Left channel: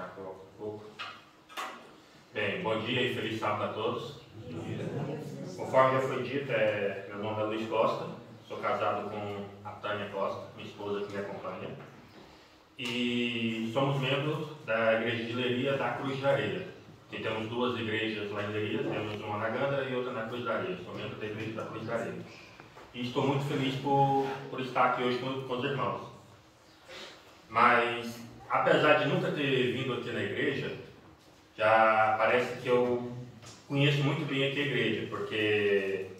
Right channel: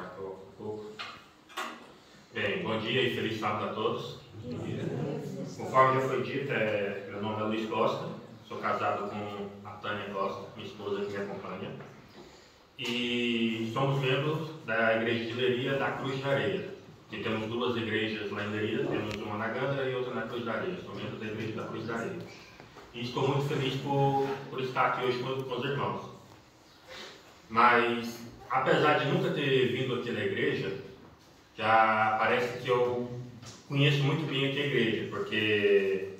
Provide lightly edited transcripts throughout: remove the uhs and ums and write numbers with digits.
deixar que eu coloque um pouco. Bem, bom dia e feliz sábado a todos. Conforme já foi dito, meu nome é Luiz Costa, sou casado com a Tânia Costa, minha esposa que me acompanha, e somos membros da Igreja de Leiria da Cruz de Areia. E temos duas igrejas lá em Leiria, temos uma na Gândara e outra na Cruz de Areia. Sou membro da Igreja da Cruz de Areia. E estou muito feliz por estar aqui hoje com os irmãos. Mas, apesar de nunca ter vindo aqui na igreja, já parece que eu conheço muito bem aqui a igreja, porque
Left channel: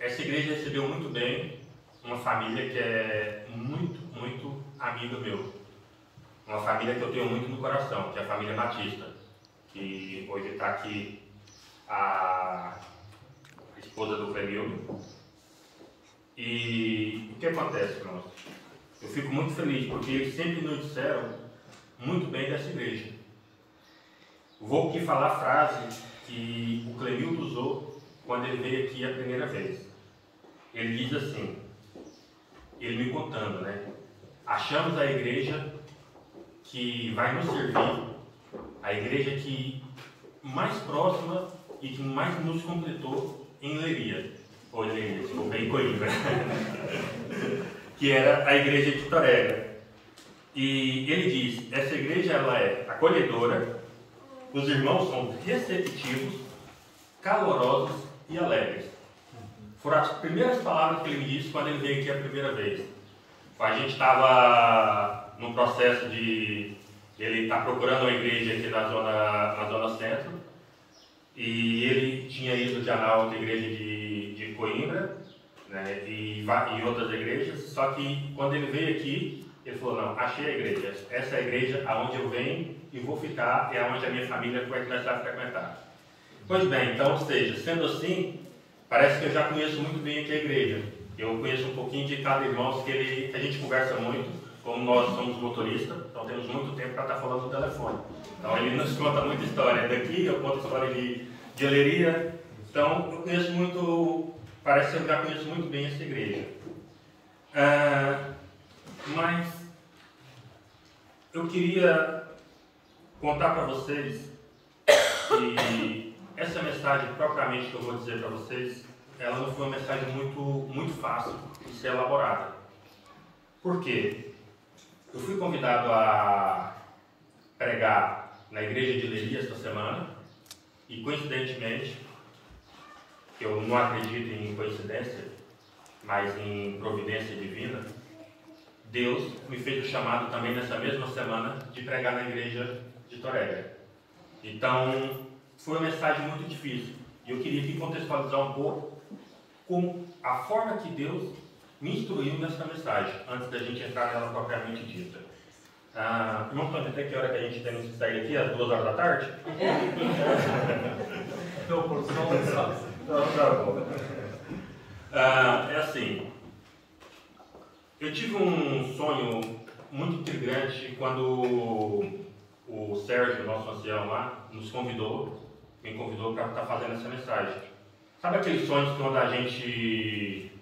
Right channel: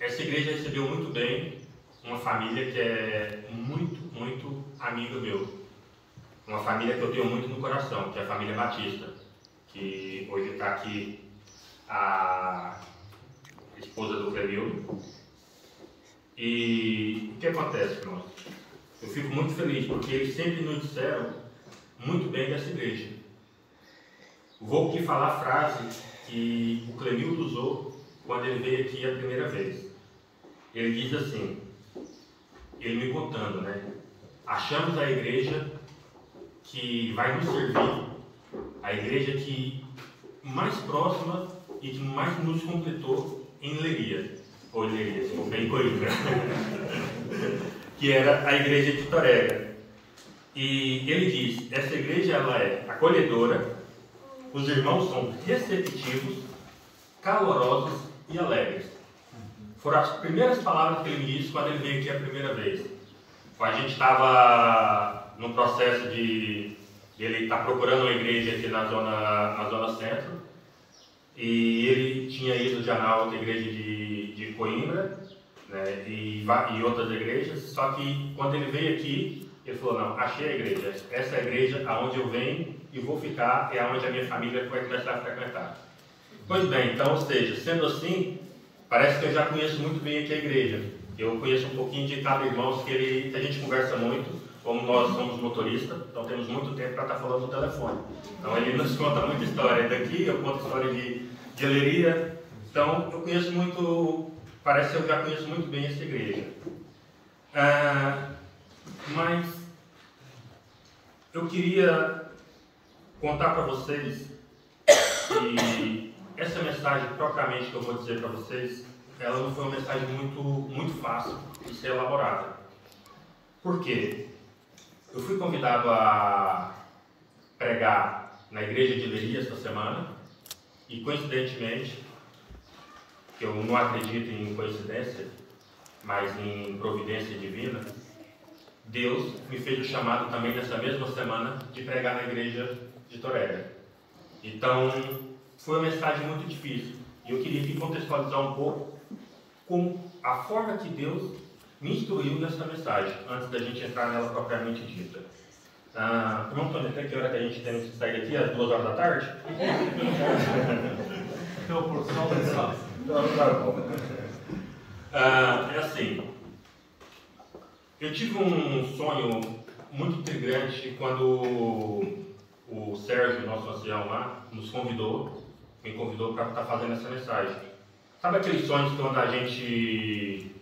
essa igreja recebeu muito bem uma família que é muito amiga meu. Uma família que eu tenho muito no coração, que é a família Batista, que hoje está aqui a esposa do Clemildo. E o que acontece, irmãos? Eu fico muito feliz, porque eles sempre nos disseram muito bem dessa igreja. Vou aqui falar a frase que o Clemildo usou quando ele veio aqui a primeira vez. Ele diz assim, ele me contando, né? Achamos a igreja que vai nos servir, a igreja que mais próxima e que mais nos completou em Leiria, ou em Leiria, se for bem Coimbra, que era a igreja de Torega. E ele diz, essa igreja ela é acolhedora, os irmãos são receptivos, calorosos e alegres. Foram as primeiras palavras que ele me disse quando ele veio aqui a primeira vez. A gente estava no processo de ele estar procurando uma igreja aqui na zona centro, e ele tinha ido já na outra igreja de Coimbra, né, e outras igrejas, só que quando ele veio aqui, ele falou, não, achei a igreja, essa é a igreja aonde eu venho e vou ficar, é aonde a minha família vai começar a frequentar. Pois bem, então, ou seja, sendo assim, parece que eu já conheço muito bem aqui a igreja. Eu conheço um pouquinho de cada irmão, que a gente conversa muito, como nós somos motoristas, então temos muito tempo para estar falando no telefone. Então ele nos conta muita história daqui, eu conto história de Leiria. Então eu conheço muito, parece que eu já conheço muito bem essa igreja. Mas eu queria contar para vocês que essa mensagem propriamente que eu vou dizer para vocês, ela não foi uma mensagem muito fácil de ser elaborada. Por quê? Eu fui convidado a pregar na igreja de Leiria esta semana e, coincidentemente, eu não acredito em coincidência, mas em providência divina, Deus me fez o chamado também nessa mesma semana de pregar na igreja de Torega. Então, foi uma mensagem muito difícil e eu queria aqui contextualizar um pouco com a forma que Deus me instruiu nessa mensagem, antes da gente entrar nela propriamente dita. Irmão Antônio, até que hora que a gente tem que sair aqui? Às 2 horas da tarde? É assim, eu tive um sonho muito intrigante quando o Sérgio, nosso ancião lá, me convidou para estar fazendo essa mensagem. Sabe aqueles sonhos quando a gente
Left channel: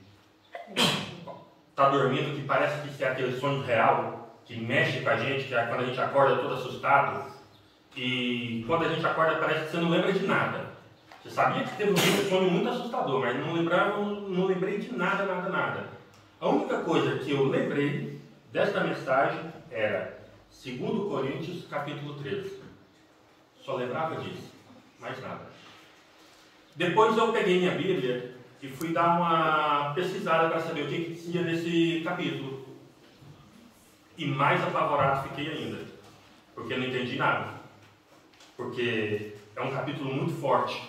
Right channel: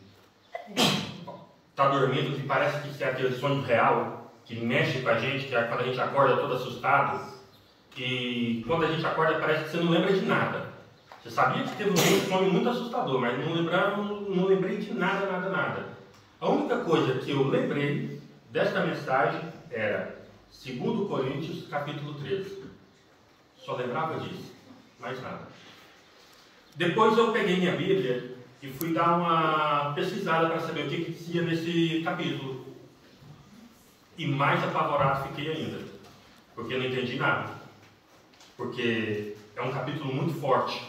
está dormindo, que parece que é aquele sonho real, que mexe com a gente, que é quando a gente acorda todo assustado, e quando a gente acorda parece que você não lembra de nada. Você sabia que teve um sonho muito assustador, mas não lembrei de nada. A única coisa que eu lembrei desta mensagem era 2 Coríntios capítulo 13. Só lembrava disso, mais nada. Depois eu peguei minha Bíblia e fui dar uma pesquisada para saber o que dizia nesse capítulo. E mais apavorado fiquei ainda, porque eu não entendi nada. Porque é um capítulo muito forte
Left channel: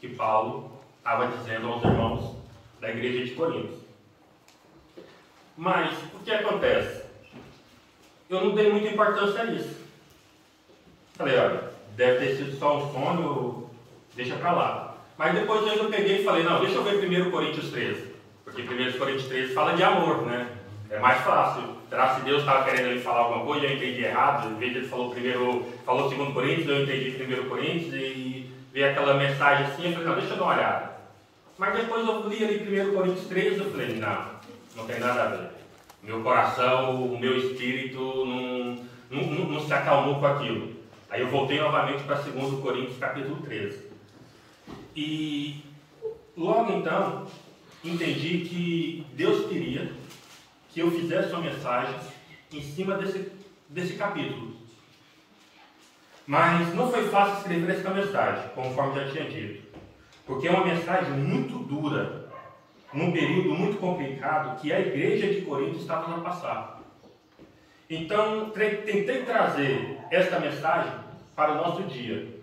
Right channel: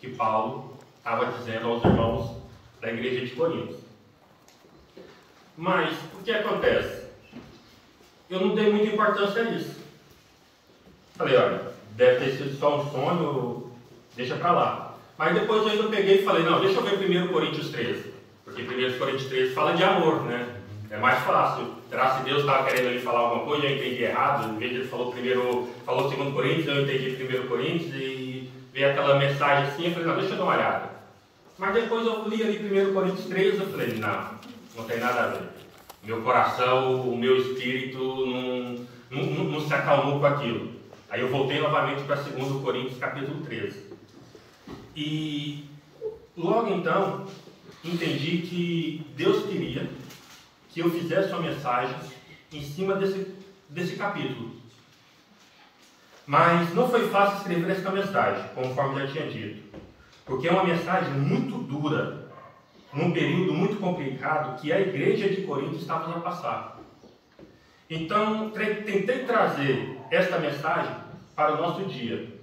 que Paulo estava dizendo aos irmãos da igreja de Corinto. Mas o que acontece? Eu não dei muita importância a isso. Falei, olha, deve ter sido só um sonho, deixa para lá. Mas depois eu ainda peguei e falei, não, deixa eu ver 1 Coríntios 13. Porque 1 Coríntios 13 fala de amor, né? É mais fácil. Será que Deus estava querendo ele falar alguma coisa e eu entendi errado? Em vez de ele falou 2 Coríntios, eu entendi 1 Coríntios e veio aquela mensagem assim, eu falei, não, deixa eu dar uma olhada. Mas depois eu li ali 1 Coríntios 13, eu falei, não tem nada a ver. Meu coração, o meu espírito não se acalmou com aquilo. Aí eu voltei novamente para 2 Coríntios capítulo 13. E logo então, entendi que Deus queria que eu fizesse uma mensagem em cima desse capítulo. Mas não foi fácil escrever essa mensagem, conforme já tinha dito. Porque é uma mensagem muito dura, num período muito complicado que a igreja de Corinto estava a passar. Então, tentei trazer esta mensagem para o nosso dia,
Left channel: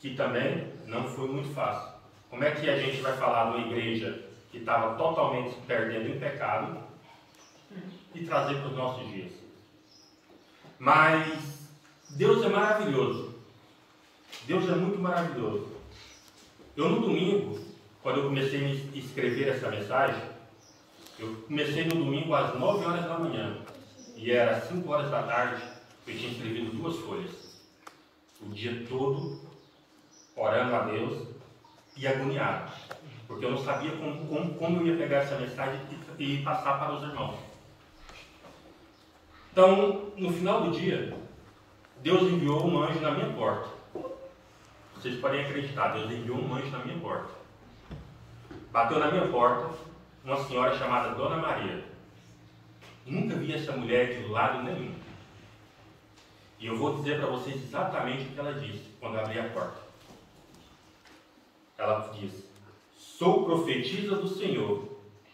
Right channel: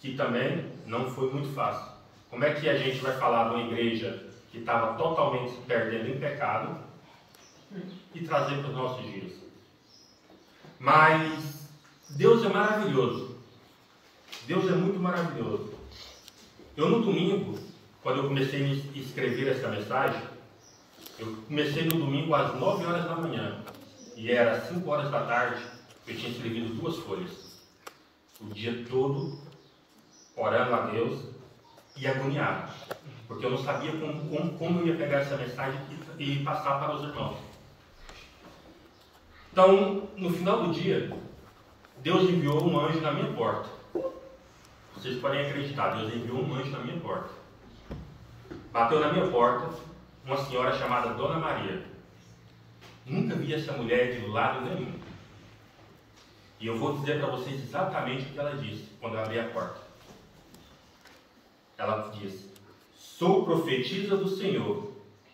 que também não foi muito fácil. Como é que a gente vai falar de uma igreja que estava totalmente se perdendo em pecado e trazer para os nossos dias? Mas Deus é maravilhoso. Deus é muito maravilhoso. Eu, no domingo, quando eu comecei a escrever essa mensagem, eu comecei no domingo às 9 horas da manhã. E era 5 horas da tarde, eu tinha escrevido 2 folhas. O dia todo, orando a Deus e agoniado. Porque eu não sabia como eu ia pegar essa mensagem e passar para os irmãos. Então, no final do dia, Deus enviou um anjo na minha porta. Vocês podem acreditar, Deus enviou um anjo na minha porta. Bateu na minha porta uma senhora chamada Dona Maria. Nunca vi essa mulher de lado nenhum. E eu vou dizer para vocês exatamente o que ela disse quando eu abri a porta. Ela disse: sou profetisa do Senhor,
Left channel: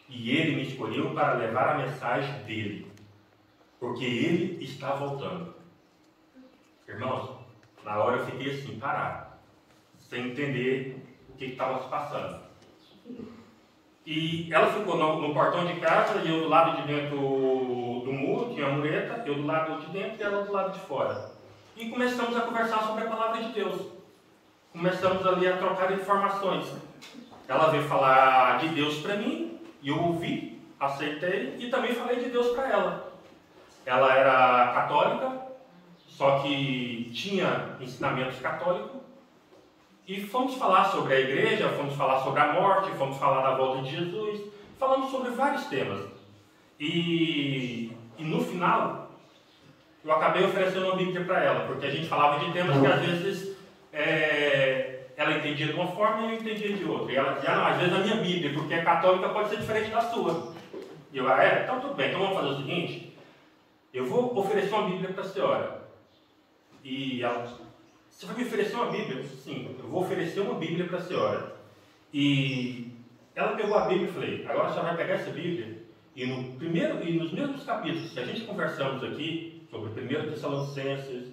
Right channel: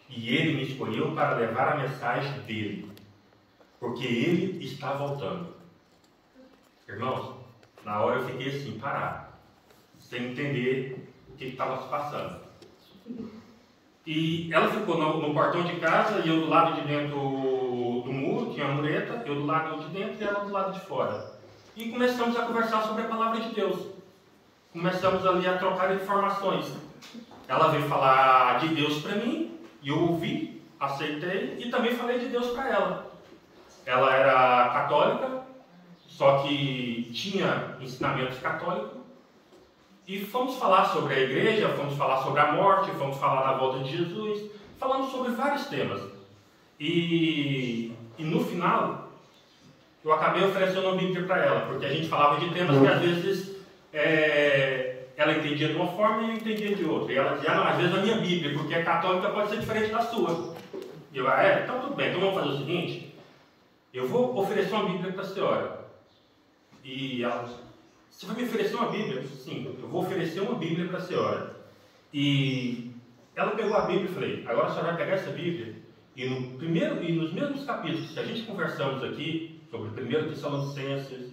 e Ele me escolheu para levar a mensagem dEle, porque Ele está voltando. Irmãos, na hora eu fiquei assim, parado, sem entender o que estava se passando. E ela ficou no portão de casa, e eu do lado de dentro do muro, tinha a mureta, eu do lado de dentro e ela do lado de fora. E começamos a conversar sobre a palavra de Deus. Começamos ali a trocar informações. Ela veio falar de Deus para mim, e eu ouvi, aceitei, e também falei de Deus para ela. Ela era católica, só que tinha ensinamentos católicos. E fomos falar sobre a igreja, fomos falar sobre a morte, fomos falar da volta de Jesus, falamos sobre vários temas. E no final, eu acabei oferecendo uma Bíblia para ela, porque a gente falava de temas que às vezes ela entendia de uma forma e eu entendia de outra. E ela dizia: não, às vezes a minha Bíblia, porque é católica, pode ser diferente da sua. E eu: então tudo bem, então vamos fazer o seguinte, eu vou oferecer uma Bíblia para a senhora. E ela: você vai me oferecer uma Bíblia? Eu disse: sim, eu vou oferecer uma Bíblia para a senhora. E ela pegou a Bíblia e falei: agora a senhora vai pegar essa Bíblia e nos mesmos capítulos que a gente conversamos aqui, sobre 1 Tessalonicenses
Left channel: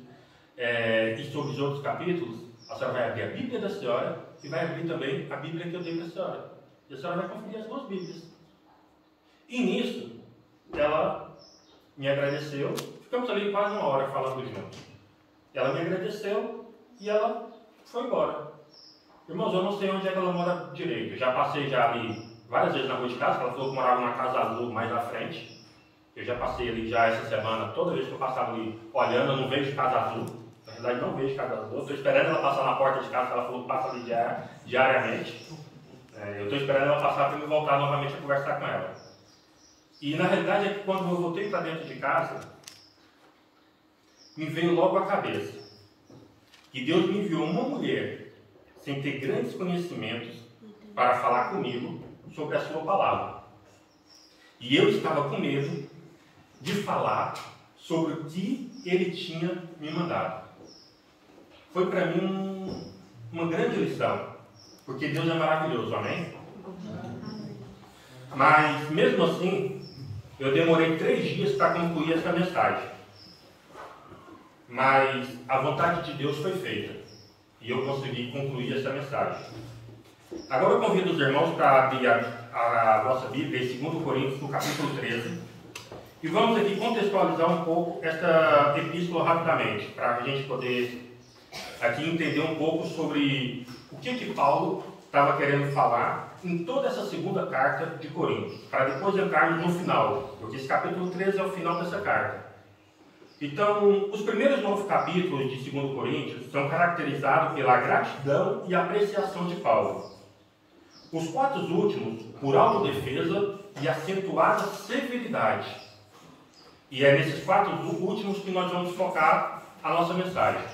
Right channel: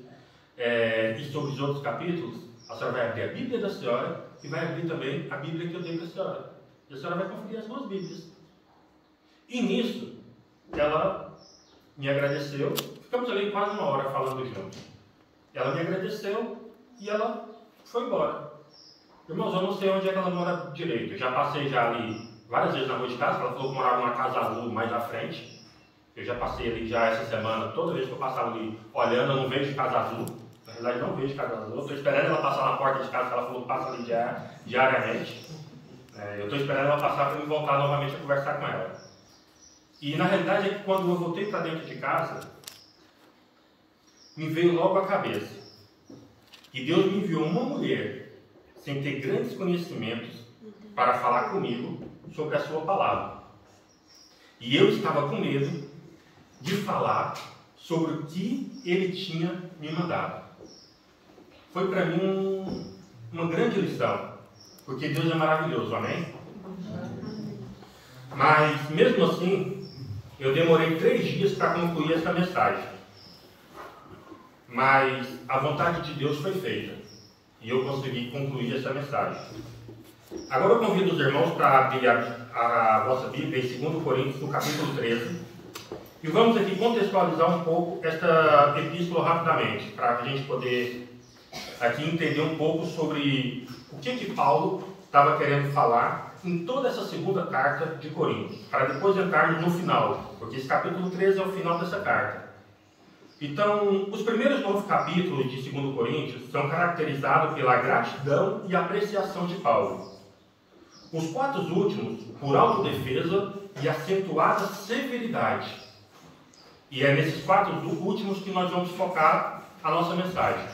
e sobre os outros capítulos, a senhora vai abrir a Bíblia da senhora e vai abrir também a Bíblia que eu dei para a senhora. E a senhora vai conferir as 2 Bíblias. E nisso, ela me agradeceu. Ficamos ali quase 1 hora falando juntos. Ela me agradeceu e ela foi embora. Irmãos, eu não sei onde é que ela mora direito. Eu já passei ali várias vezes na rua de casa. Ela falou que morava numa casa azul mais à frente. Eu já passei ali já essa semana. Toda vez que eu passava ali olhando, eu não vejo casa azul. Na verdade, não vejo casa azul. Eu estou esperando ela passar na porta de casa. Ela falou que passa ali diariamente. Eu estou esperando ela passar para me voltar novamente a conversar com ela. E na realidade é que quando eu voltei para dentro de casa, me veio logo à cabeça que Deus me enviou uma mulher sem ter grandes conhecimentos para falar comigo sobre a sua palavra. E eu estava com medo de falar sobre o que Ele tinha me mandado. Foi para mim uma grande lição, porque Deus é maravilhoso, amém? Mas mesmo assim, eu demorei 3 dias para concluir essa mensagem. Mas a vontade de Deus foi feita e eu consegui concluir essa mensagem. Agora eu convido os irmãos para abrir a vossa Bíblia em 2 Coríntios, no capítulo 13. E vamos aqui contextualizar um pouco esta epístola rapidamente, para a gente poder aqui entender um pouco sobre o que Paulo estava querendo falar em toda essa segunda carta de Coríntios, para depois entrarmos no final, porque esse capítulo 13 é o final dessa carta. Então, os primeiros 9 capítulos de 2 Coríntios são caracterizados pela gratidão e apreciação de Paulo. Os 4 últimos, por autodefesa e acentuada severidade. E é nesses 4 últimos que nós vamos focar a nossa mensagem.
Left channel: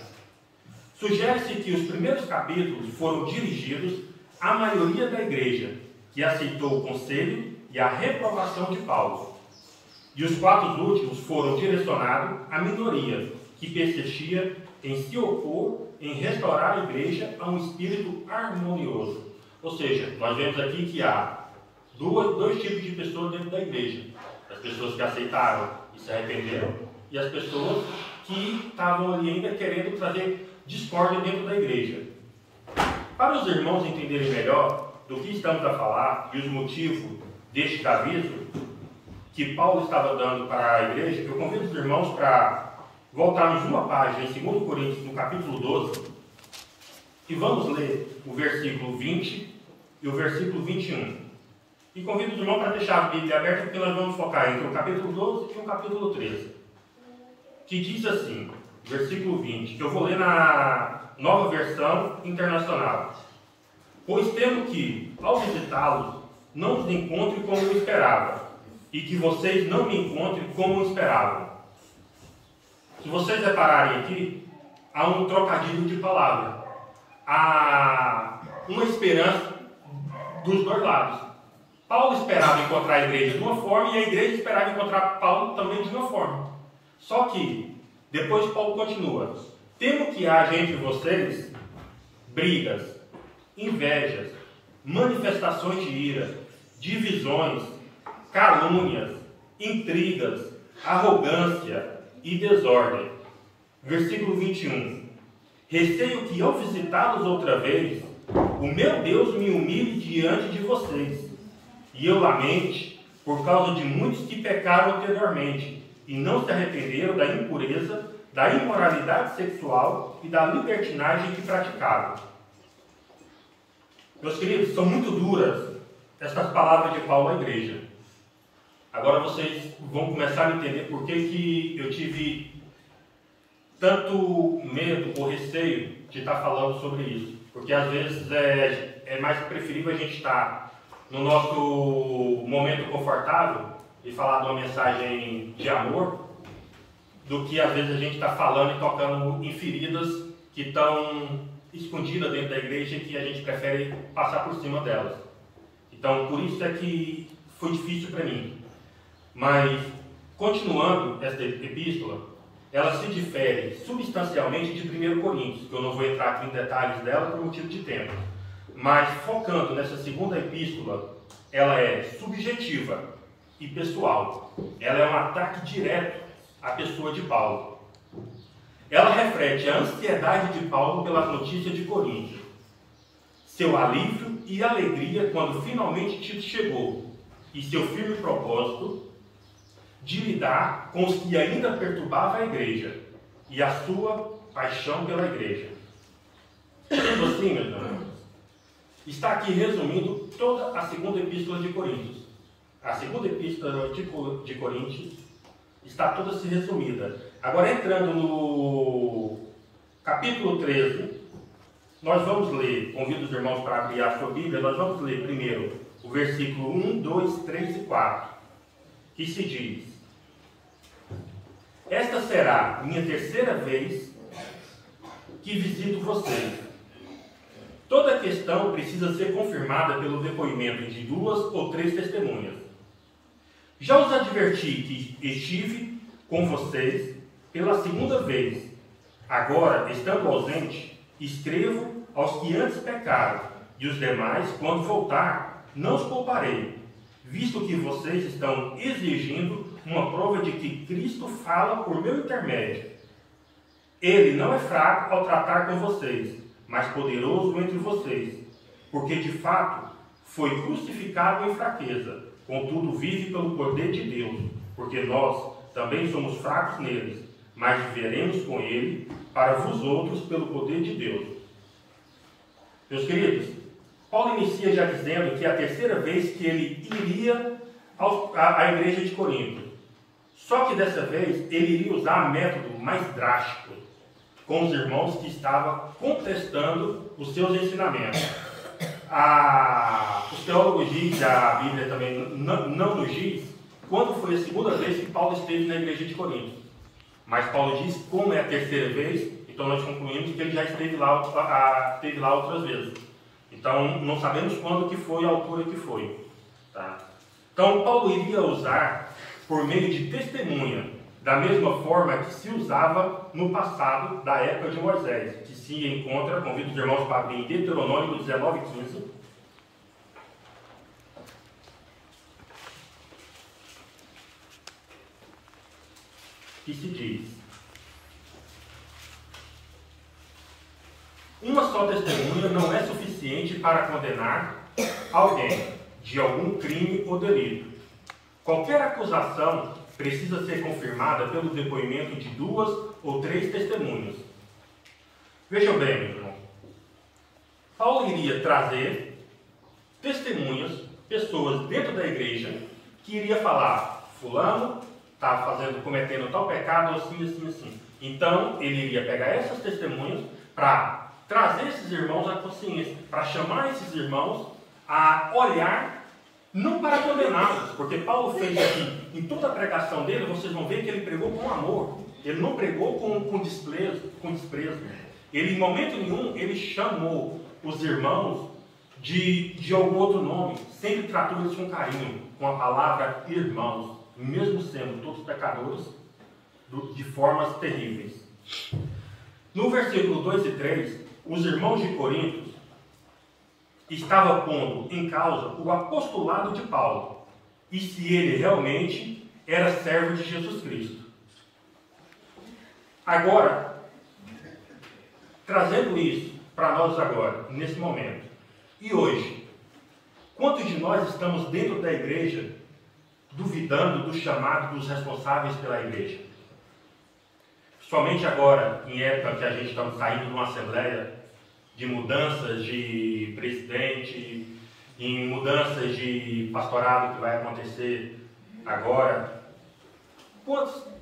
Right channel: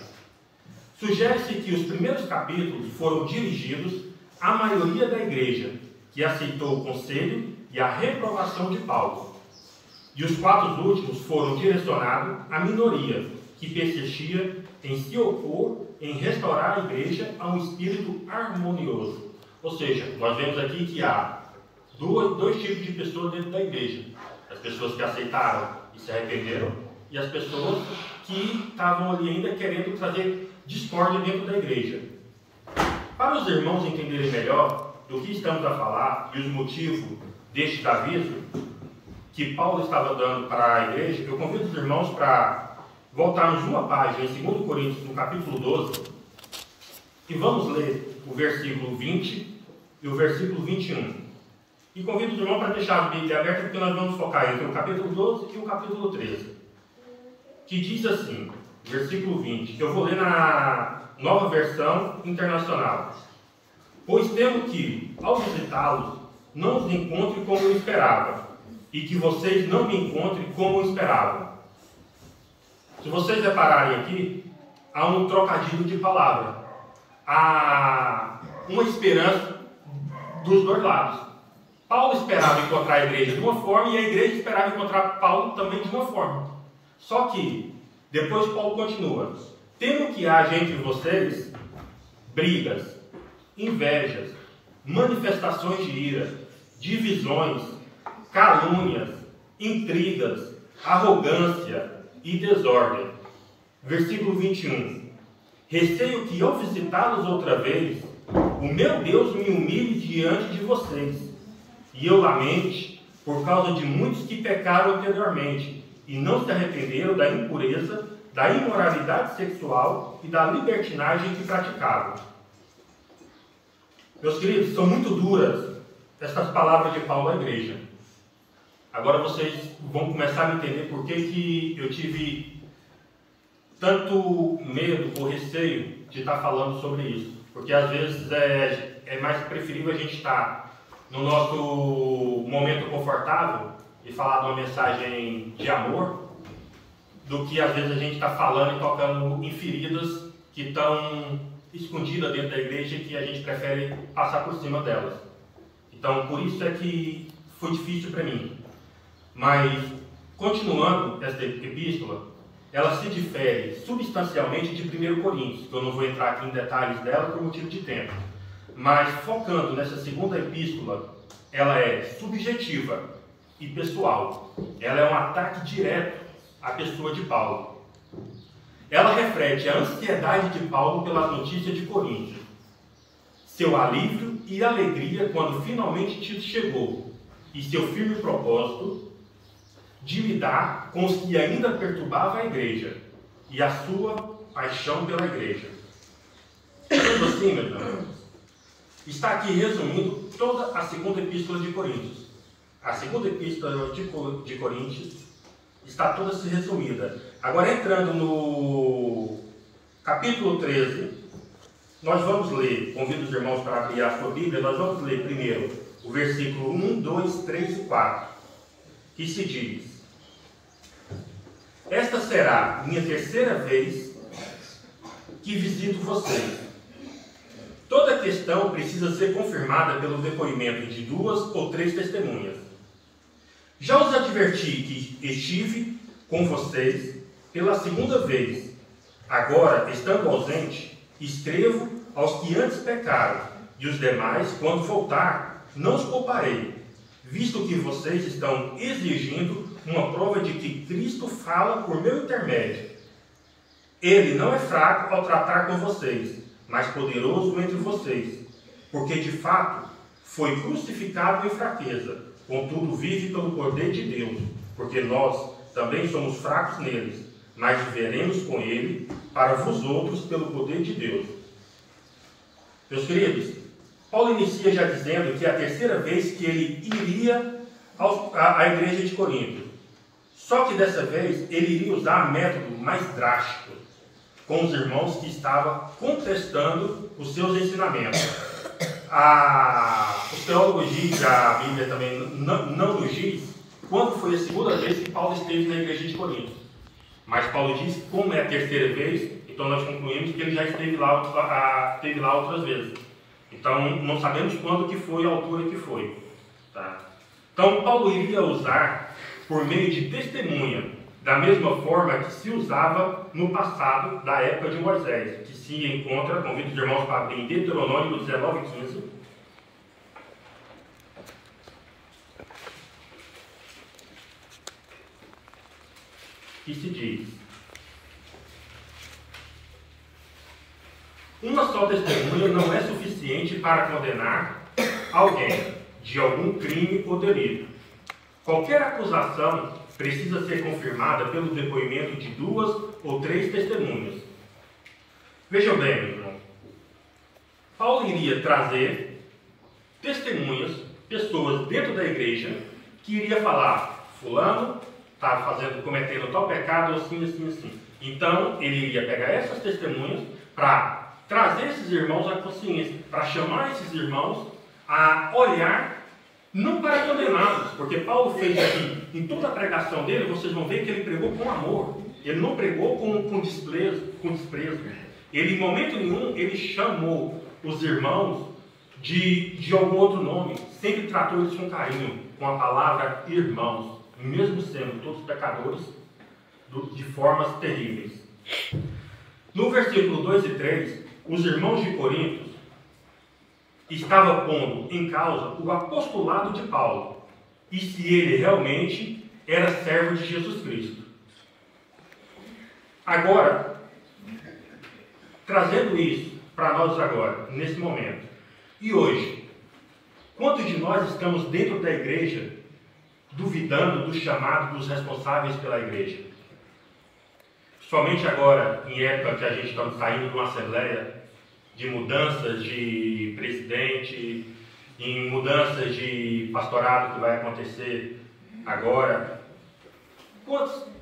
Sugere-se que os primeiros capítulos foram dirigidos à maioria da igreja, que aceitou o conselho e a reprovação de Paulo. E os 4 últimos foram direcionados à minoria, que persistia em se opor, em restaurar a igreja a um espírito harmonioso. Ou seja, nós vemos aqui que há dois tipos de pessoas dentro da igreja. As pessoas que aceitaram e se arrependeram, e as pessoas que estavam ali ainda querendo trazer discórdia dentro da igreja. Para os irmãos entenderem melhor do que estamos a falar e os motivos deste aviso que Paulo estava dando para a igreja, eu convido os irmãos para voltarmos uma página em 2 Coríntios, no capítulo 12, e vamos ler o versículo 20 e o versículo 21. E convido os irmãos para deixar a Bíblia aberta, porque nós vamos focar entre o capítulo 12 e o capítulo 13. Que diz assim, versículo 20, que eu vou ler na Nova Versão Internacional. Pois temo que, ao visitá-los, não os encontre como eu esperava, e que vocês não me encontrem como eu esperava. Se vocês repararem aqui, há um trocadilho de palavra. Há uma esperança dos dois lados. Paulo esperava encontrar a igreja de uma forma e a igreja esperava encontrar Paulo também de uma forma. Só que, depois Paulo continua. Temo que haja entre vocês brigas, invejas, manifestações de ira, divisões, calúnias, intrigas, arrogância e desordem. Versículo 21. Receio que ao visitá-los outra vez, o meu Deus me humilhe diante de vocês, e eu lamente por causa de muitos que pecaram anteriormente e não se arrependeram da impureza, da imoralidade sexual e da libertinagem que praticavam. Meus queridos, são muito duras essas palavras de Paulo à igreja. Agora vocês vão começar a entender por que eu tive tanto medo ou receio de estar falando sobre isso. Porque às vezes é mais preferível a gente estar no nosso momento confortável e falar de uma mensagem de amor, do que às vezes a gente está falando e tocando em feridas que estão escondidas dentro da igreja e que a gente prefere passar por cima delas. Então, por isso é que foi difícil para mim. Mas, continuando esta epístola, ela se difere substancialmente de 1 Coríntios, que eu não vou entrar aqui em detalhes dela por motivo de tempo. Mas, focando nessa segunda epístola, ela é subjetiva e pessoal. Ela é um ataque direto à pessoa de Paulo. Ela reflete a ansiedade de Paulo pelas notícias de Corinto, seu alívio e alegria quando finalmente Tito chegou, e seu firme propósito de lidar com os que ainda perturbavam a igreja, e a sua paixão pela igreja. Sendo assim, meus irmãos, está aqui resumindo toda a segunda epístola de Coríntios. A segunda epístola de Coríntios está toda se resumida. Agora, entrando no capítulo 13, nós vamos ler, convido os irmãos para abrir a sua Bíblia, nós vamos ler primeiro o versículo 1, 2, 3 e 4, que se diz: esta será minha terceira vez que visito vocês. Toda questão precisa ser confirmada pelo depoimento de 2 ou 3 testemunhas. Já os adverti que estive com vocês pela segunda vez. Agora, estando ausente, escrevo aos que antes pecaram, e os demais, quando voltar, não os pouparei, visto que vocês estão exigindo uma prova de que Cristo fala por meu intermédio. Ele não é fraco ao tratar com vocês, mas poderoso entre vocês, porque de fato foi crucificado em fraqueza, contudo vive pelo poder de Deus, porque nós também somos fracos neles, mas viveremos com ele para vós outros pelo poder de Deus. Meus queridos, Paulo inicia já dizendo que é a terceira vez que ele iria à igreja de Corinto. Só que dessa vez ele iria usar método mais drástico com os irmãos que estavam contestando os seus ensinamentos. Os teólogos dizem, a Bíblia também não nos diz, quando foi a segunda vez que Paulo esteve na igreja de Corinto. Mas Paulo diz, como é a terceira vez, então nós concluímos que ele já esteve lá outras vezes. Então, não sabemos quando que foi a altura que foi. Tá? Então, Paulo iria usar por meio de testemunha, da mesma forma que se usava no passado, da época de Moisés, que se encontra, convido os irmãos para abrir em Deuteronômio 19:15. Que se diz: uma só testemunha não é suficiente para condenar alguém de algum crime ou delito. Qualquer acusação precisa ser confirmada pelo depoimento de 2 ou 3 testemunhas. Vejam bem, meu irmão. Paulo iria trazer testemunhas, pessoas dentro da igreja, que iria falar: fulano estava cometendo tal pecado, assim, assim, assim. Então, ele iria pegar essas testemunhas para trazer esses irmãos à consciência, para chamar esses irmãos a olhar, não para condená-los, porque Paulo fez aqui, em toda a pregação dele, vocês vão ver que ele pregou com amor, ele não pregou com desprezo. Ele, em momento nenhum, ele chamou os irmãos de algum outro nome, sempre tratou eles com carinho, com a palavra irmãos, mesmo sendo todos pecadores, de formas terríveis. No versículo 2 e 3, os irmãos de Corinto estavam pondo em causa o apostolado de Paulo e se ele realmente era servo de Jesus Cristo. Agora, trazendo isso para nós agora, nesse momento, e hoje, quantos de nós estamos dentro da igreja duvidando do chamado dos responsáveis pela igreja? Somente agora, em época que a gente está saindo de uma assembleia, de mudanças de presidente, em mudanças de pastorado que vai acontecer agora,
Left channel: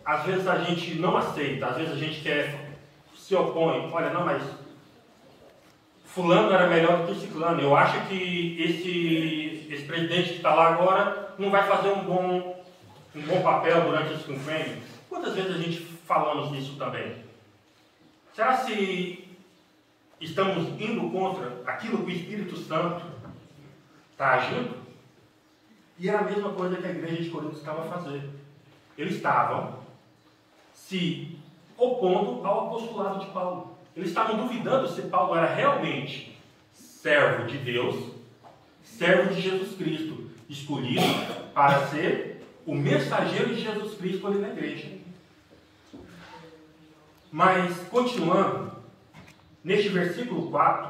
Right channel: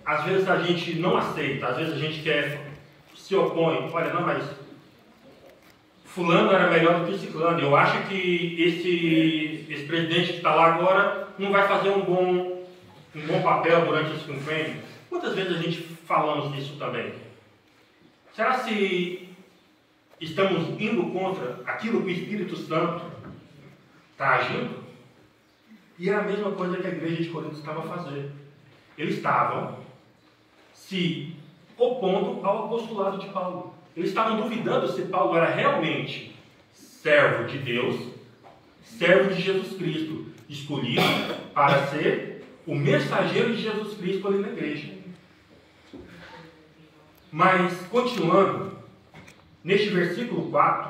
às vezes a gente não aceita, às vezes a gente se opõe, olha, não, mas fulano era melhor do que ciclano, eu acho que esse presidente que está lá agora não vai fazer um bom papel durante esse quinquênio. Quantas vezes a gente falamos isso também? Será se estamos indo contra aquilo que o Espírito Santo está agindo? E é a mesma coisa que a igreja de Corinto estava fazendo. Eles estavam se opondo ao apostolado de Paulo. Eles estavam duvidando se Paulo era realmente servo de Deus, servo de Jesus Cristo, escolhido para ser o mensageiro de Jesus Cristo ali na igreja. Mas, continuando, neste versículo 4,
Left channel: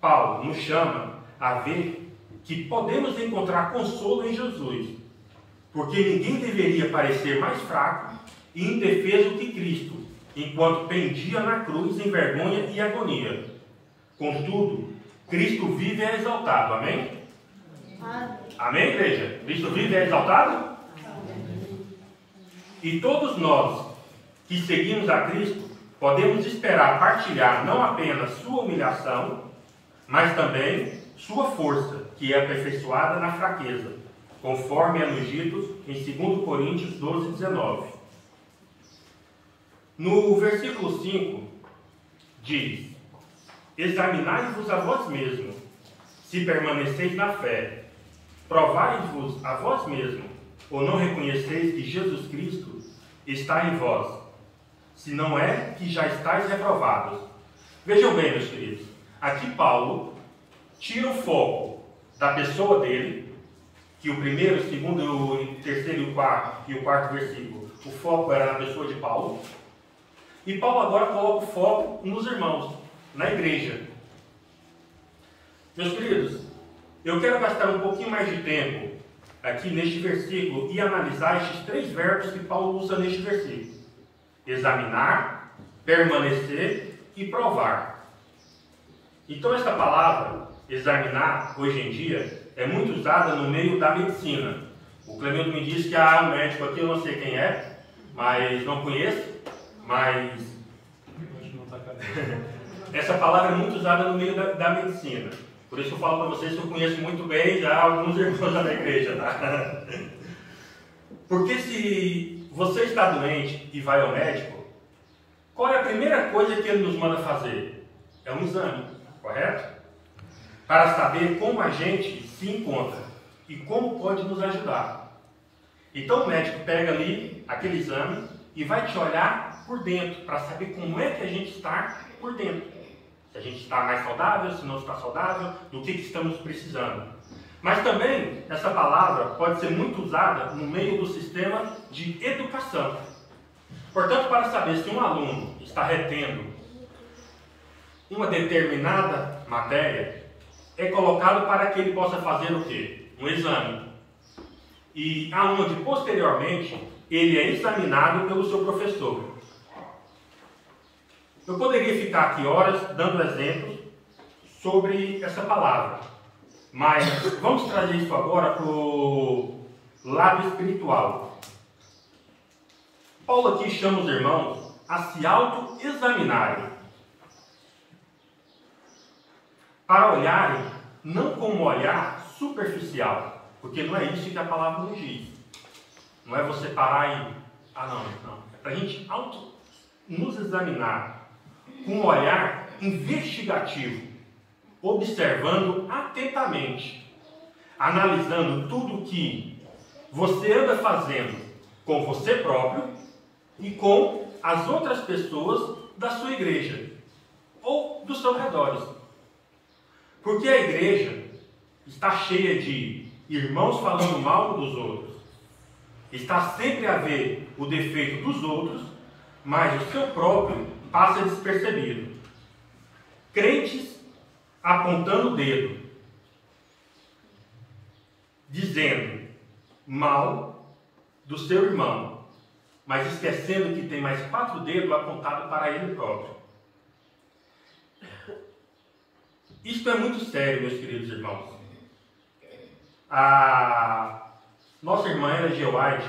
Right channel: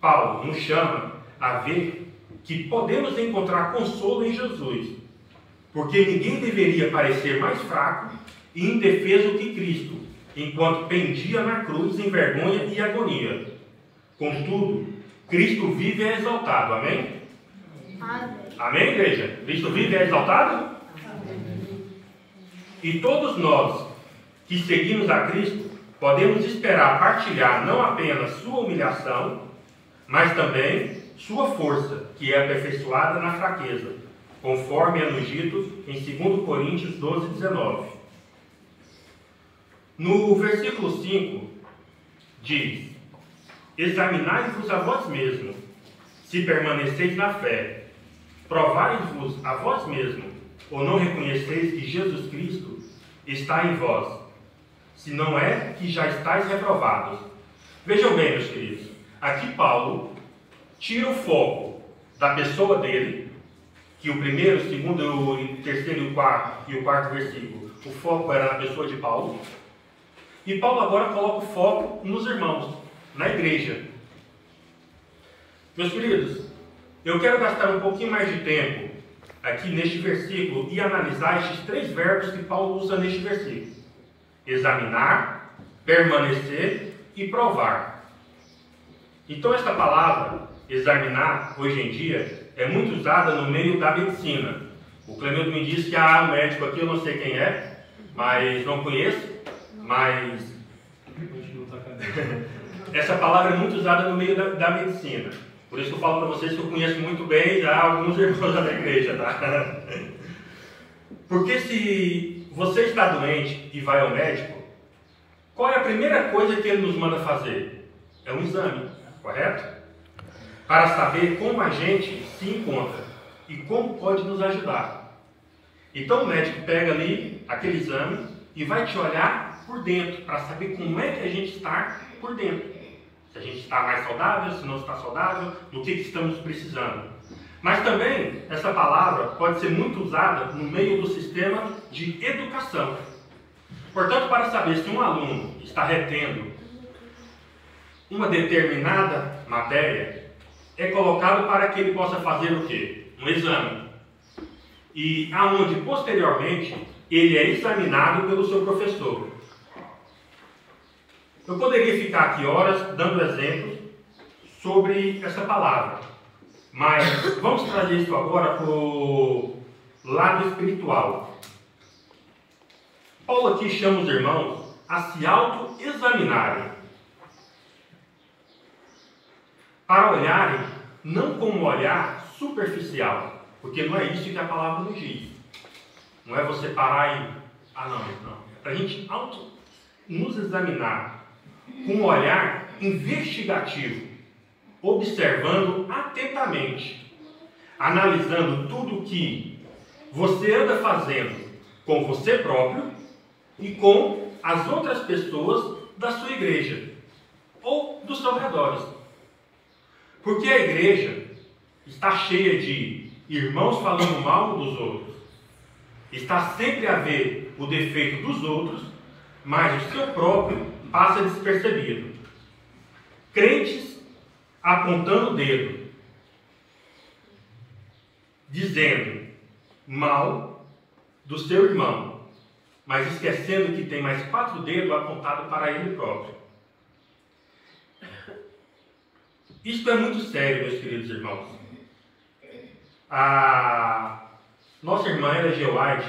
Paulo nos chama a ver que podemos encontrar consolo em Jesus, porque ninguém deveria parecer mais fraco e indefeso que Cristo, enquanto pendia na cruz em vergonha e agonia. Contudo, Cristo vive e é exaltado. Amém? Amém. Amém, igreja? Cristo vive e é exaltado? Amém. E todos nós que seguimos a Cristo podemos esperar partilhar não apenas sua humilhação, mas também sua força, que é aperfeiçoada na fraqueza, conforme é nos dito em 2 Coríntios 12, 19. No versículo 5, diz: examinai-vos a vós mesmos, se permaneceis na fé. Provai-vos a vós mesmos, ou não reconheceis que Jesus Cristo está em vós, se não é que já estáis reprovados. Vejam bem, meus queridos, aqui Paulo tira o foco da pessoa dele, que o primeiro, o segundo, o terceiro e o quarto versículo, o foco era na pessoa de Paulo. E Paulo agora coloca o foco nos irmãos, na igreja. Meus queridos, eu quero gastar um pouquinho mais de tempo aqui neste versículo e analisar estes 3 verbos que Paulo usa neste versículo: examinar, permanecer e provar. Então esta palavra, examinar, hoje em dia, é muito usada no meio da medicina. O Clemildo me disse que há um médico aqui, eu não sei quem é, mas não conheço. Mas essa palavra é muito usada no meio da medicina. Por isso eu falo para vocês que eu conheço muito bem já alguns irmãos da igreja, tá? Porque se você está doente e vai ao médico, qual é a primeira coisa que ele nos manda fazer? É um exame, correto? Para saber como a gente se encontra e como pode nos ajudar. Então o médico pega ali aquele exame e vai te olhar por dentro, para saber como é que a gente está por dentro. Se a gente está mais saudável, se não está saudável, do que estamos precisando. Mas também essa palavra pode ser muito usada no meio do sistema de educação. Portanto, para saber se um aluno está retendo uma determinada matéria, é colocado para que ele possa fazer o quê? Um exame. E aonde posteriormente ele é examinado pelo seu professor. Eu poderia ficar aqui horas dando exemplos sobre essa palavra, mas vamos trazer isso agora para o lado espiritual. Paulo aqui chama os irmãos a se auto-examinarem, para olharem não como um olhar superficial, porque não é isso que a palavra nos diz. Não é você parar e... não. É para a gente nos examinar com um olhar investigativo, observando atentamente, analisando tudo que você anda fazendo com você próprio e com as outras pessoas da sua igreja ou dos seus redores. Porque a igreja está cheia de irmãos falando mal dos outros. Está sempre a ver o defeito dos outros, mas o seu próprio passa despercebido. Crentes apontando o dedo, dizendo mal do seu irmão, mas esquecendo que tem mais 4 dedos apontados para ele próprio. Isso é muito sério, meus queridos irmãos. A nossa irmã Ellen G. White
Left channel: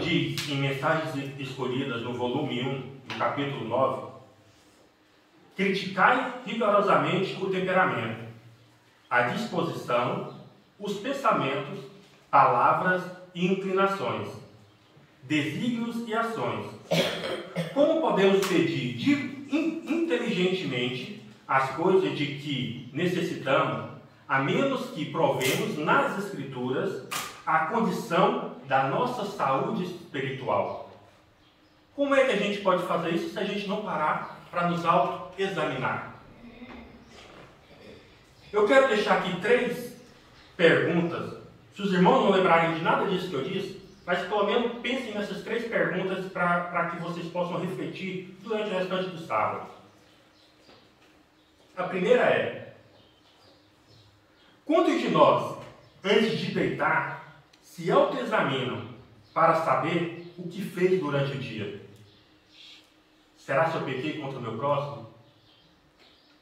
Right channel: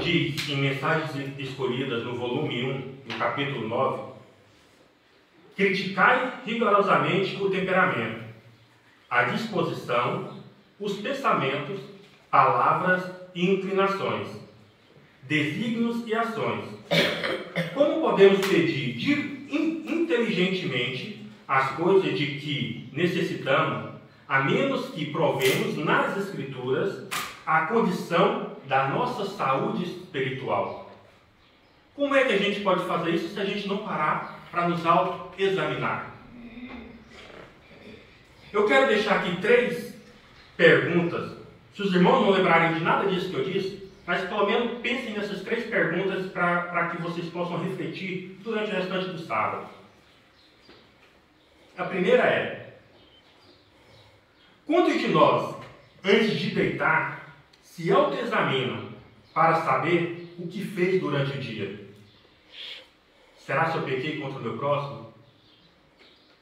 diz em Mensagens Escolhidas, no volume 1, no capítulo 9, criticai rigorosamente o temperamento, a disposição, os pensamentos, palavras e inclinações, desígnios e ações. Como podemos pedir inteligentemente as coisas de que necessitamos, a menos que provemos nas Escrituras a condição da nossa saúde espiritual? Como é que a gente pode fazer isso se a gente não parar para nos auto-examinar? Eu quero deixar aqui 3 perguntas. Se os irmãos não lembrarem de nada disso que eu disse, mas pelo menos pensem nessas 3 perguntas para que vocês possam refletir durante o restante do sábado. A primeira é: quantos de nós, antes de deitar, se autoexaminam para saber o que fez durante o dia? Será se eu pequei contra o meu próximo?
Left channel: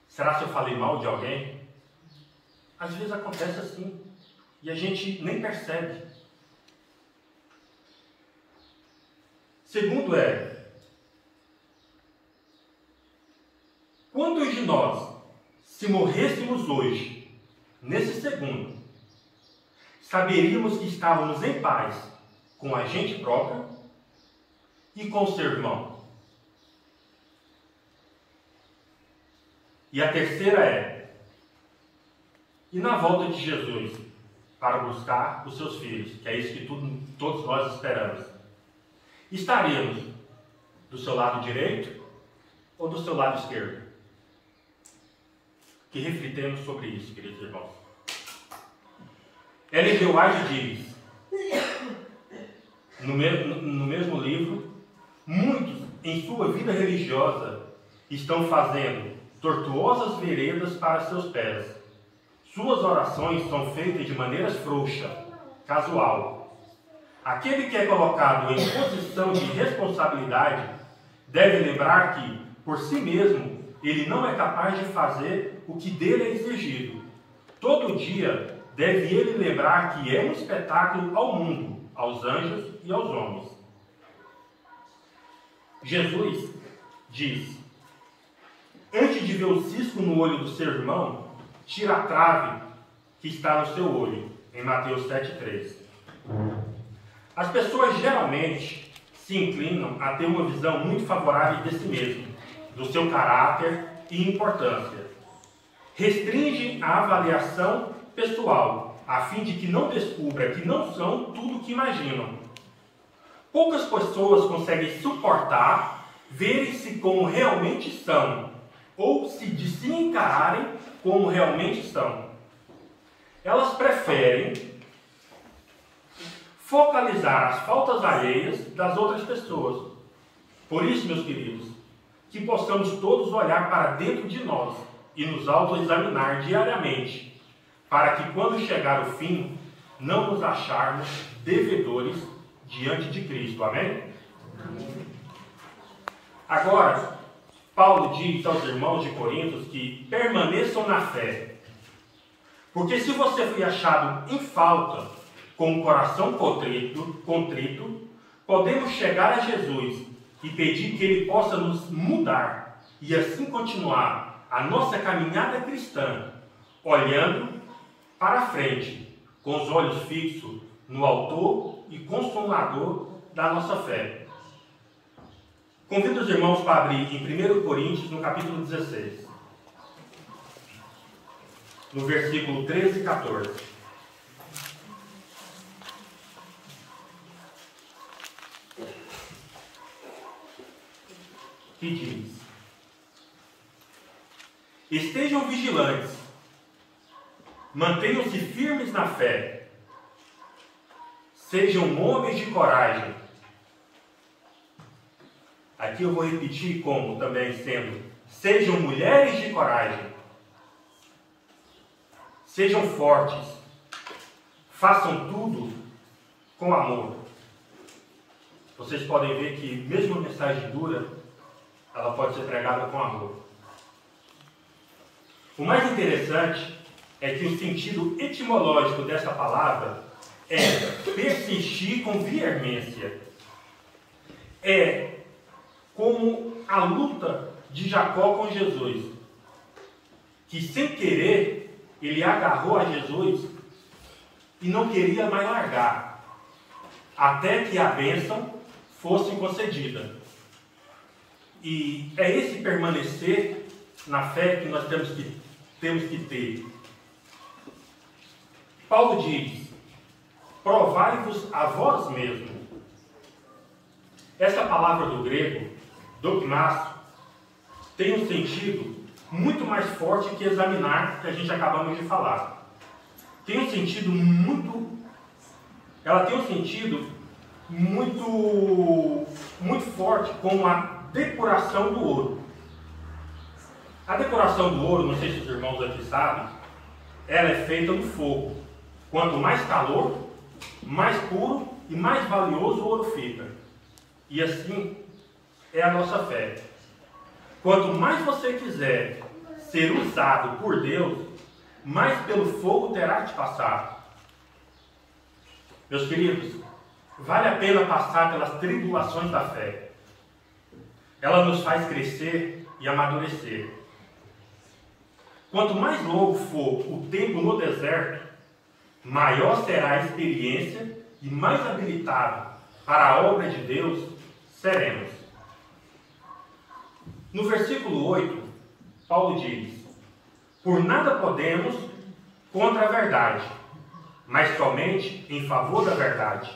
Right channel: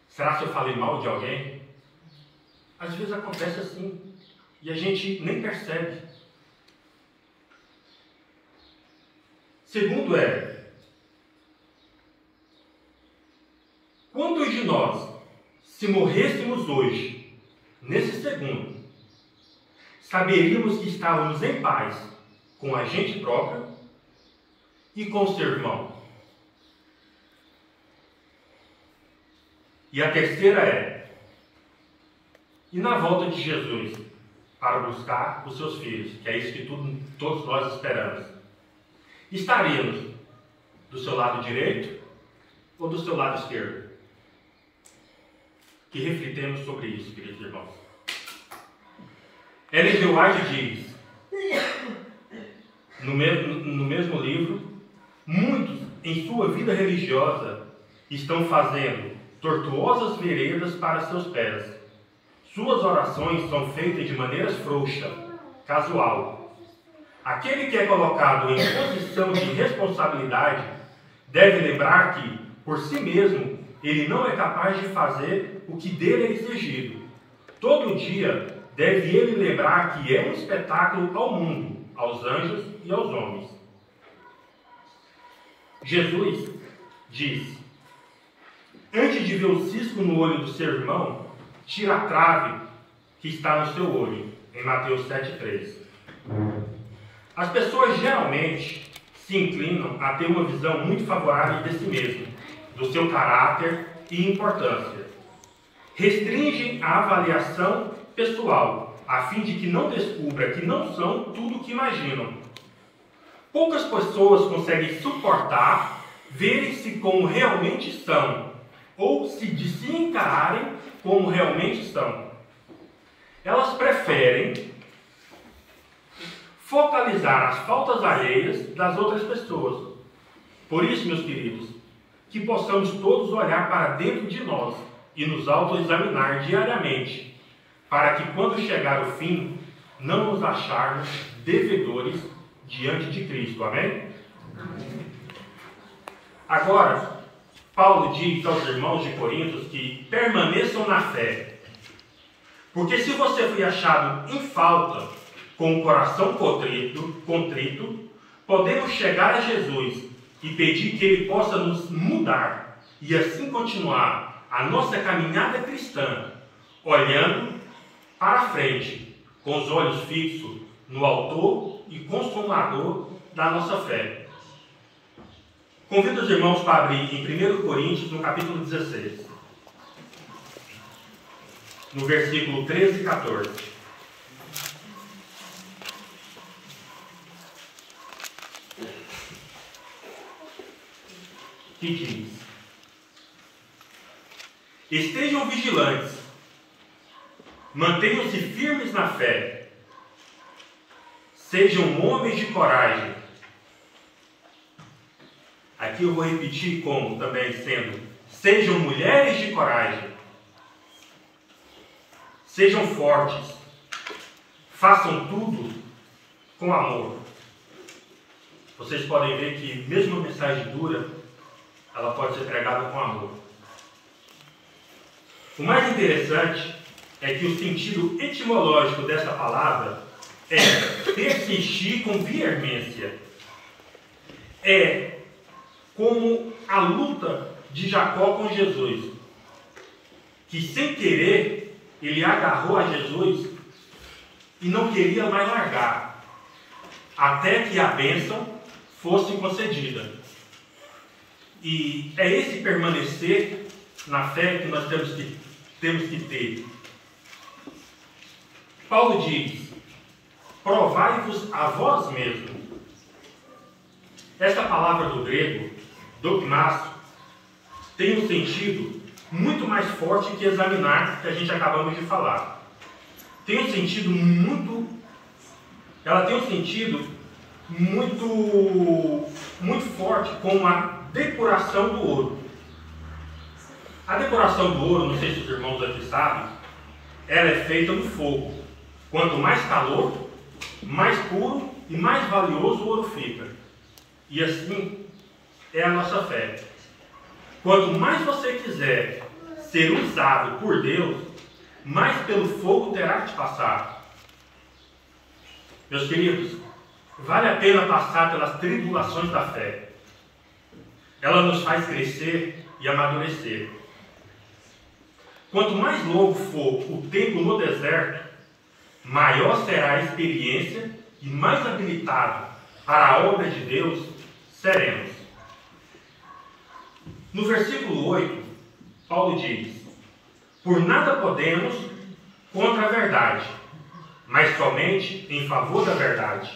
Será se eu falei mal de alguém? Às vezes acontece assim, e a gente nem percebe. Segundo é: quantos de nós, se morrêssemos hoje, nesse segundo, saberíamos que estávamos em paz com a gente próprio e com o seu irmão? E a terceira é: e na volta de Jesus para buscar os seus filhos, que é isso que todos nós esperamos, estaremos do seu lado direito ou do seu lado esquerdo? Que refletemos sobre isso, queridos irmãos. Ellen G. White diz, no mesmo livro, muitos em sua vida religiosa estão fazendo tortuosas veredas para seus pés. Suas orações são feitas de maneira frouxa, casual. Aquele que é colocado em posição de responsabilidade deve lembrar que, por si mesmo, ele não é capaz de fazer o que dele é exigido. Todo dia deve ele lembrar que é um espetáculo ao mundo, aos anjos e aos homens. Jesus diz: antes de ver o cisco no olho do seu irmão, tira a trave que está no seu olho, em Mateus 7,3. As pessoas geralmente se inclinam a ter uma visão muito favorável de si mesmo, do seu caráter e importância. Restringem a avaliação pessoal, a fim de que não descubra que não são tudo o que imaginam. Poucas pessoas conseguem suportar verem-se como realmente são, ou de se encararem como realmente são. Elas preferem focalizar as faltas alheias das outras pessoas. Por isso, meus queridos, que possamos todos olhar para dentro de nós e nos autoexaminar diariamente, para que quando chegar o fim, não nos acharmos devedores diante de Cristo. Amém? Amém. Agora, Paulo diz aos irmãos de Coríntios que permaneçam na fé. Porque se você foi achado em falta, com o coração contrito, podemos chegar a Jesus e pedir que Ele possa nos mudar e assim continuar a nossa caminhada cristã, olhando para a frente, com os olhos fixos no Autor e Consumador da nossa fé. Convido os irmãos para abrir em 1 Coríntios, no capítulo 16, no versículo 13 e 14. Que diz: estejam vigilantes, mantenham-se firmes na fé, sejam homens de coragem. Aqui eu vou repetir como também sendo: sejam mulheres de coragem, sejam fortes, façam tudo com amor. Vocês podem ver que mesmo a mensagem dura, ela pode ser pregada com amor. O mais interessante é que o sentido etimológico dessa palavra é persistir com veemência. É como a luta de Jacó com Jesus, que sem querer ele agarrou a Jesus e não queria mais largar, até que a bênção fosse concedida. E é esse permanecer na fé que nós temos que ter. Paulo diz: provai-vos a vós mesmos. Essa palavra do grego, dogmasso, tem um sentido muito mais forte que examinar, que a gente acabamos de falar. Ela tem um sentido muito forte, como a depuração do ouro. A depuração do ouro, não sei se os irmãos aqui sabem, ela é feita no fogo. Quanto mais calor, mais puro e mais valioso o ouro fica. E assim é a nossa fé. Quanto mais você quiser ser usado por Deus, mais pelo fogo terá que te passar. Meus queridos, vale a pena passar pelas tribulações da fé. Ela nos faz crescer e amadurecer. Quanto mais longo for o tempo no deserto, maior será a experiência e mais habilitado para a obra de Deus seremos. No versículo 8, Paulo diz: por nada podemos contra a verdade, mas somente em favor da verdade.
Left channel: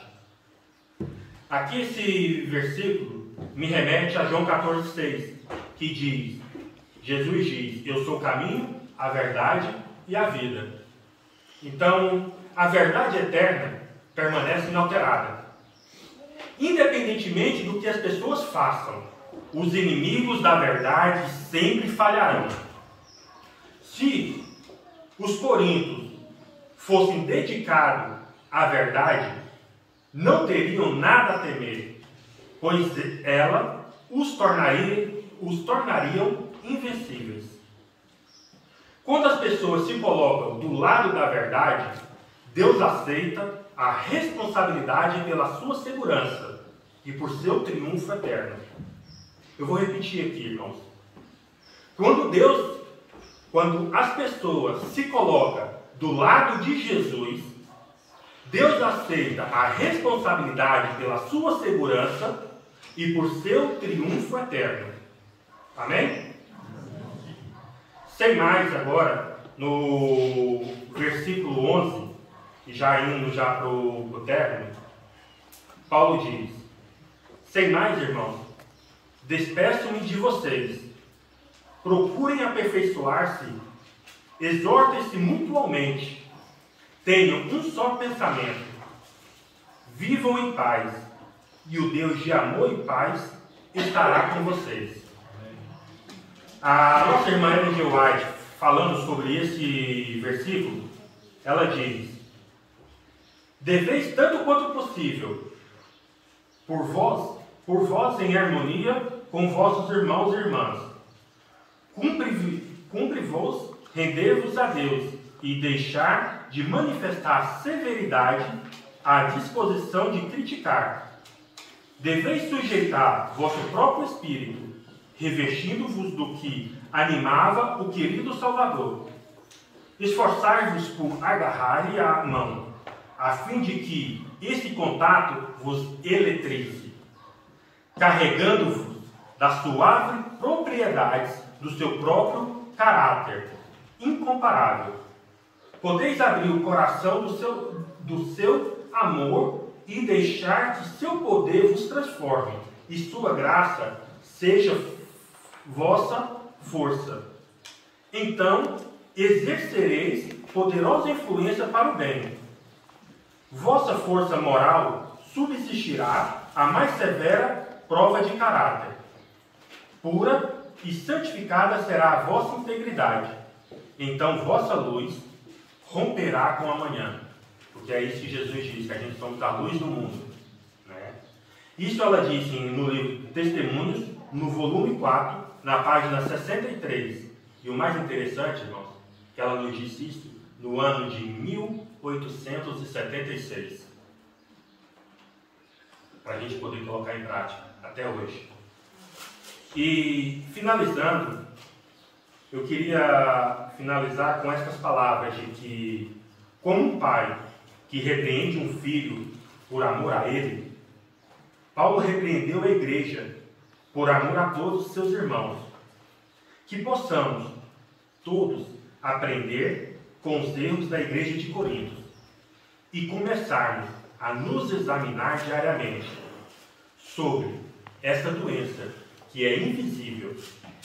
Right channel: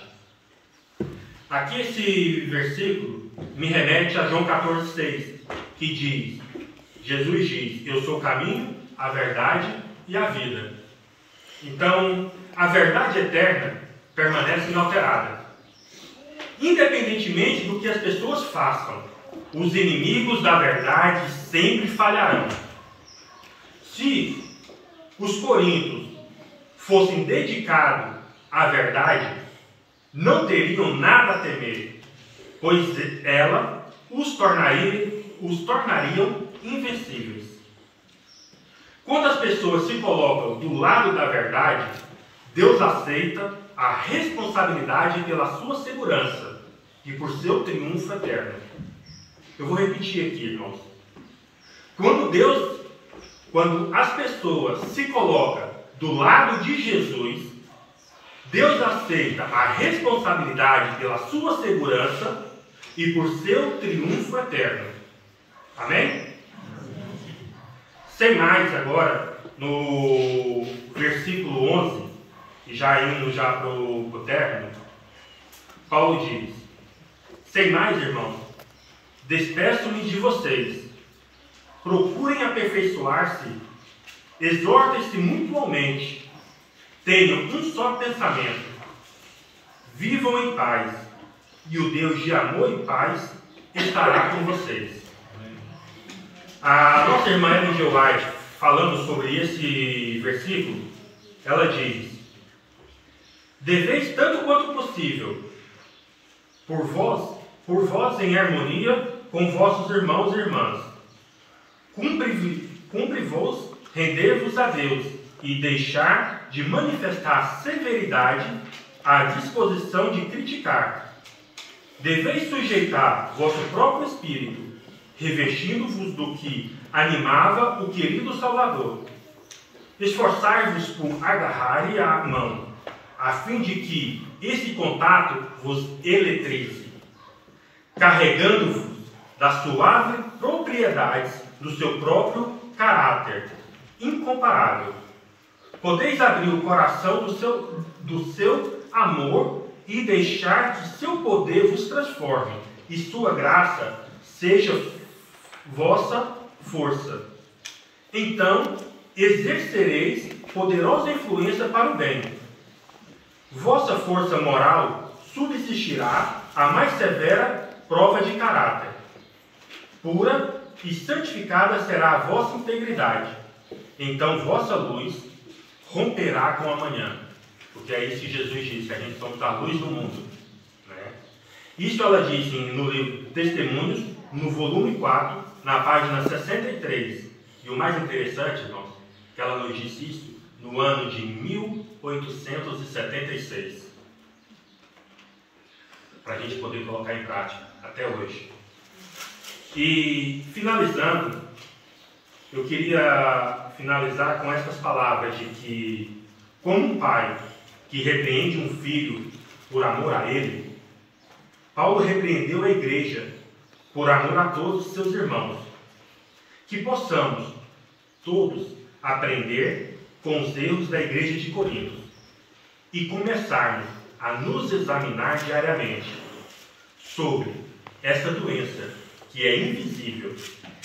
Aqui esse versículo me remete a João 14,6, que diz: Jesus diz: eu sou o caminho, a verdade e a vida. Então, a verdade eterna permanece inalterada. Independentemente do que as pessoas façam, os inimigos da verdade sempre falharão. Se os coríntios fossem dedicados à verdade, não teriam nada a temer, pois ela os tornariam invencíveis. Quando as pessoas se colocam do lado da verdade, Deus aceita a responsabilidade pela sua segurança e por seu triunfo eterno. Eu vou repetir aqui, irmãos. Quando as pessoas se colocam do lado de Jesus, Deus aceita a responsabilidade pela sua segurança e por seu triunfo eterno. Amém? Sem mais agora, no versículo 11, já indo para o término, Paulo diz: sem mais, irmãos, despeço-me de vocês. Procurem aperfeiçoar-se, exortem-se mutuamente, tenham um só pensamento, vivam em paz, e o Deus de amor e paz estará com vocês. A nossa irmã Ellen G. White, falando sobre esse versículo, ela diz: deveis tanto quanto possível, por vós em harmonia com vossos irmãos e irmãs, cumpre-vos render-vos a Deus e deixar de manifestar severidade à disposição de criticar. Deveis sujeitar vosso próprio espírito, revestindo-vos do que animava o querido Salvador. Esforçai-vos por agarrar-lhe a mão, a fim de que esse contato vos eletrize, carregando-vos das suaves propriedades do seu próprio caráter incomparável. Podeis abrir o coração do seu amor e deixar que seu poder vos transforme, e sua graça seja vossa força. Então exercereis poderosa influência para o bem. Vossa força moral subsistirá a mais severa prova de caráter. Pura e santificada será a vossa integridade. Então vossa luz romperá com a manhã. Porque é isso que Jesus diz, que a gente somos a luz do mundo. Né? Isso ela disse no livro Testemunhos, no volume 4, na página 63. E o mais interessante, irmãos, que ela nos disse isso no ano de 1876. Para a gente poder colocar em prática até hoje. E finalizando, eu queria finalizar com essas palavras de que, como um pai que repreende um filho por amor a ele, Paulo repreendeu a igreja por amor a todos os seus irmãos. Que possamos todos aprender com os erros da igreja de Corinto e começarmos a nos examinar diariamente sobre essa doença que é invisível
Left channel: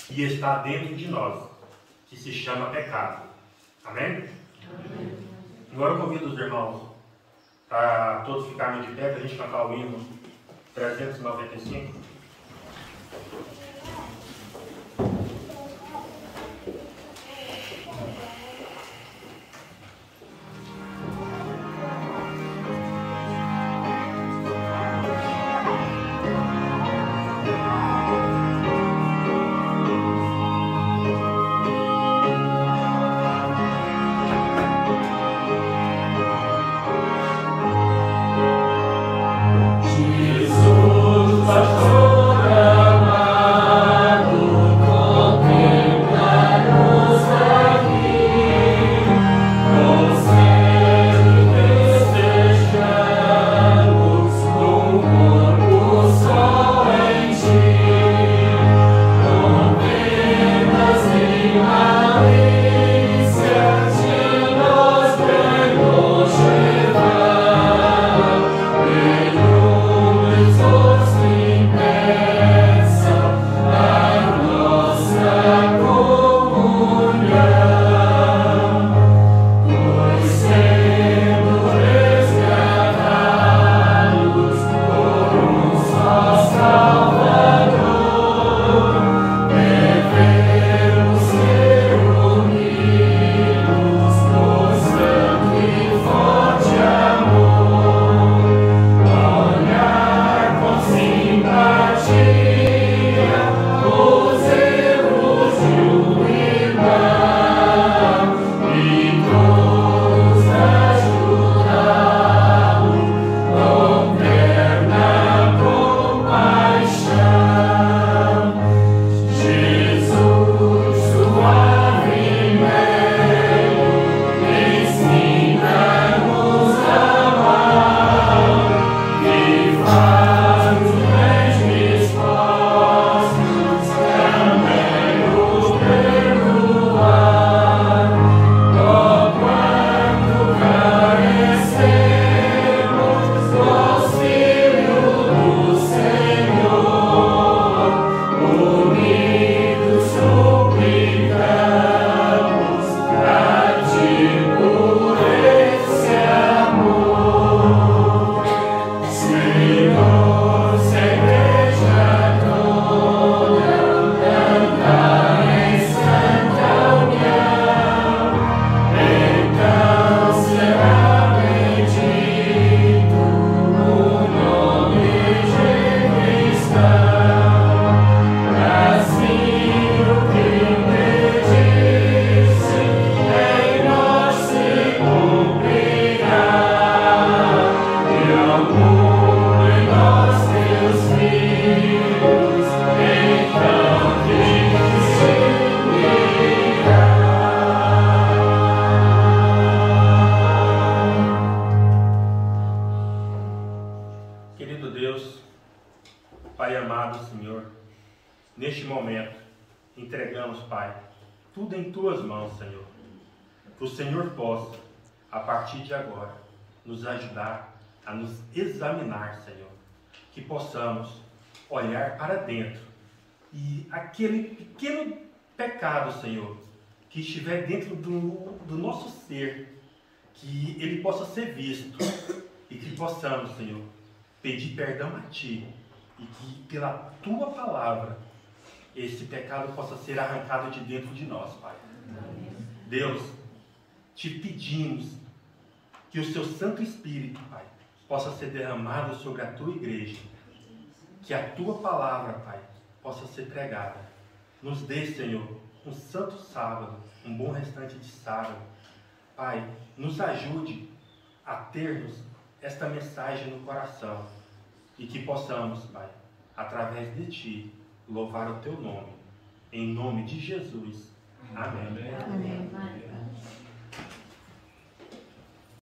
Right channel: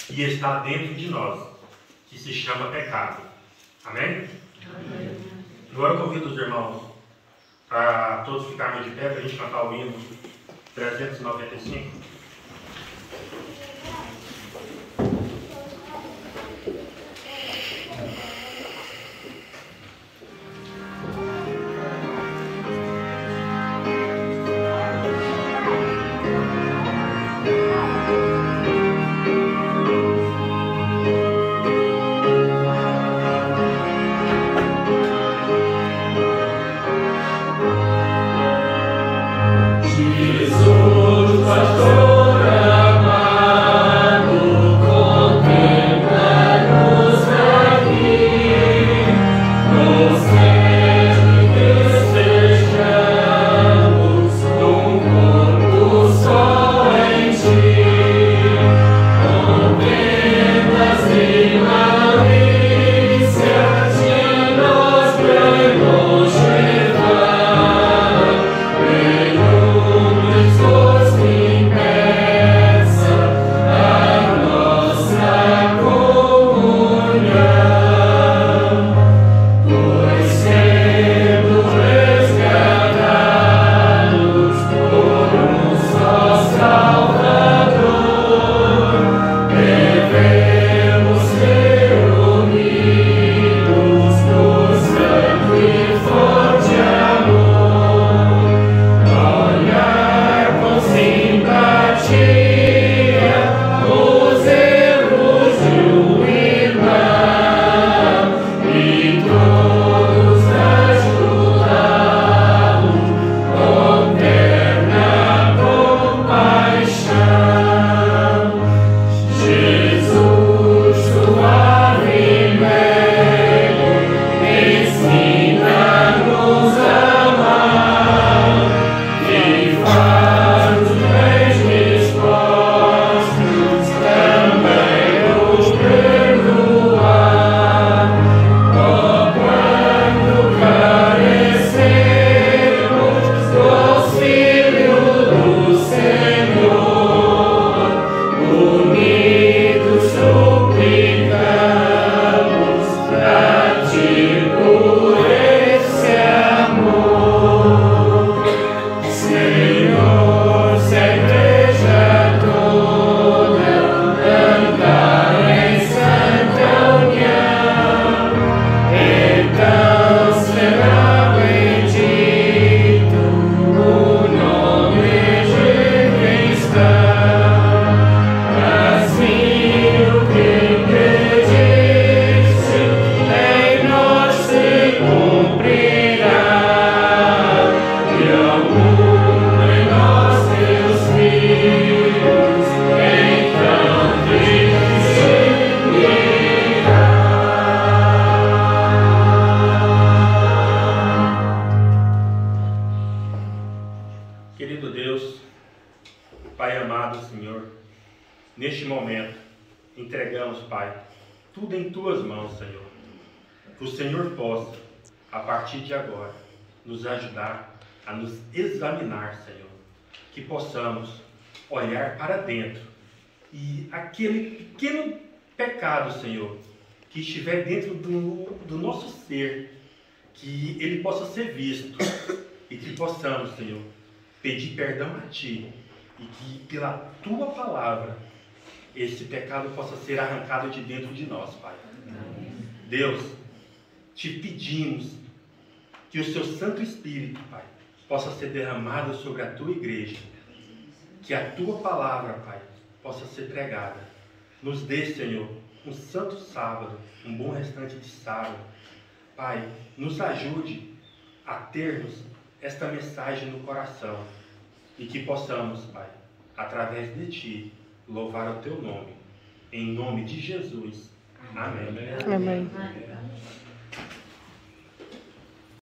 e está dentro de nós, que se chama pecado. Amém? Amém. Agora eu convido os irmãos para todos ficarmos de pé para a gente cantar o hino 395. Jesus, pastor. Senhor, neste momento, entregamos, Pai, tudo em Tuas mãos, Senhor. Que o Senhor possa, a partir de agora, nos ajudar a nos examinar, Senhor. Que possamos olhar para dentro e aquele pequeno pecado, Senhor, que estiver dentro do nosso ser, que ele possa ser visto e que possamos, Senhor, pedir perdão a Ti e que pela Tua palavra esse pecado possa ser arrancado de dentro de nós, Pai. Deus, Te pedimos que o Seu Santo Espírito, Pai, possa ser derramado sobre a Tua igreja, que a Tua palavra, Pai, possa ser pregada. Nos dê, Senhor, um santo sábado, um bom restante de sábado. Pai, nos ajude a termos esta mensagem no coração e que possamos, Pai, através de Ti, louvar o Teu nome. Em nome de Jesus. Amém. Amém.